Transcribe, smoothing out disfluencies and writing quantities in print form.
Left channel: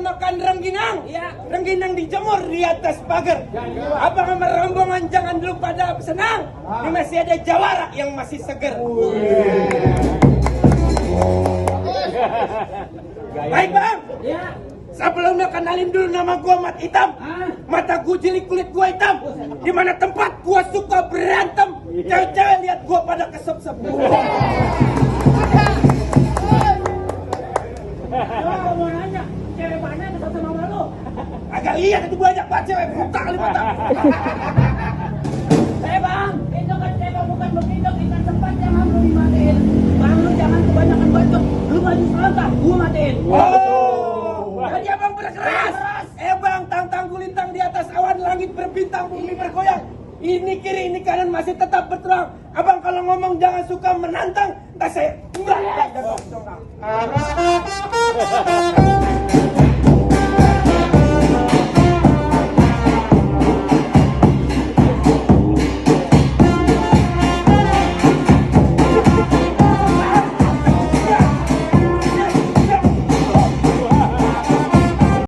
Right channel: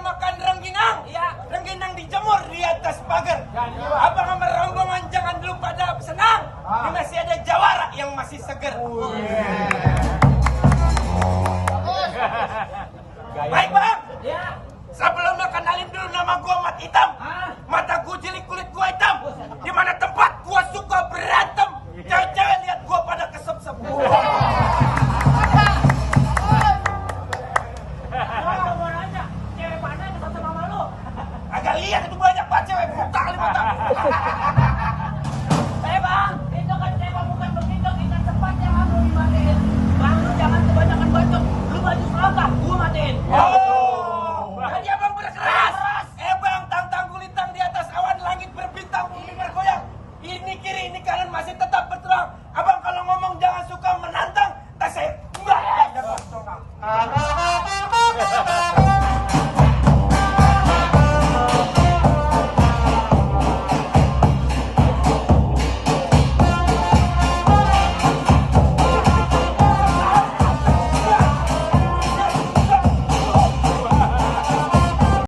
makan rengginang. Iya. Rengginang dijemur di atas pagar. Abang sama rombongan jangan dulu pada senang. Ini masih ada jawara yang masih seger. Baik bang. Iya. Sebelumnya kenalin dulu nama gua Mat Hitam. Mata gua jeli, kulit gua hitam. Di mana tempat gua suka berantem. Cewek-cewek lihat gua pada kesep-sep. Gua mau nanya, cewek mana yang kesel sama lu? Agak lihat itu banyak banget cewek buta kali mata. Bang, itu kan cewek bukan begitu, kita tempat yang harus dimatiin. Bang, lu jangan kebanyakan bacot. Lu maju selangkah, gua matiin. Tadi abang berkeras. Bang, tang-tang gulintang di atas awan, langit berbintang, bumi bergoyang. Ini kiri, ini kanan masih tetap berterang. Abang kalau ngomong jangan suka menantang. Entah saya enggak.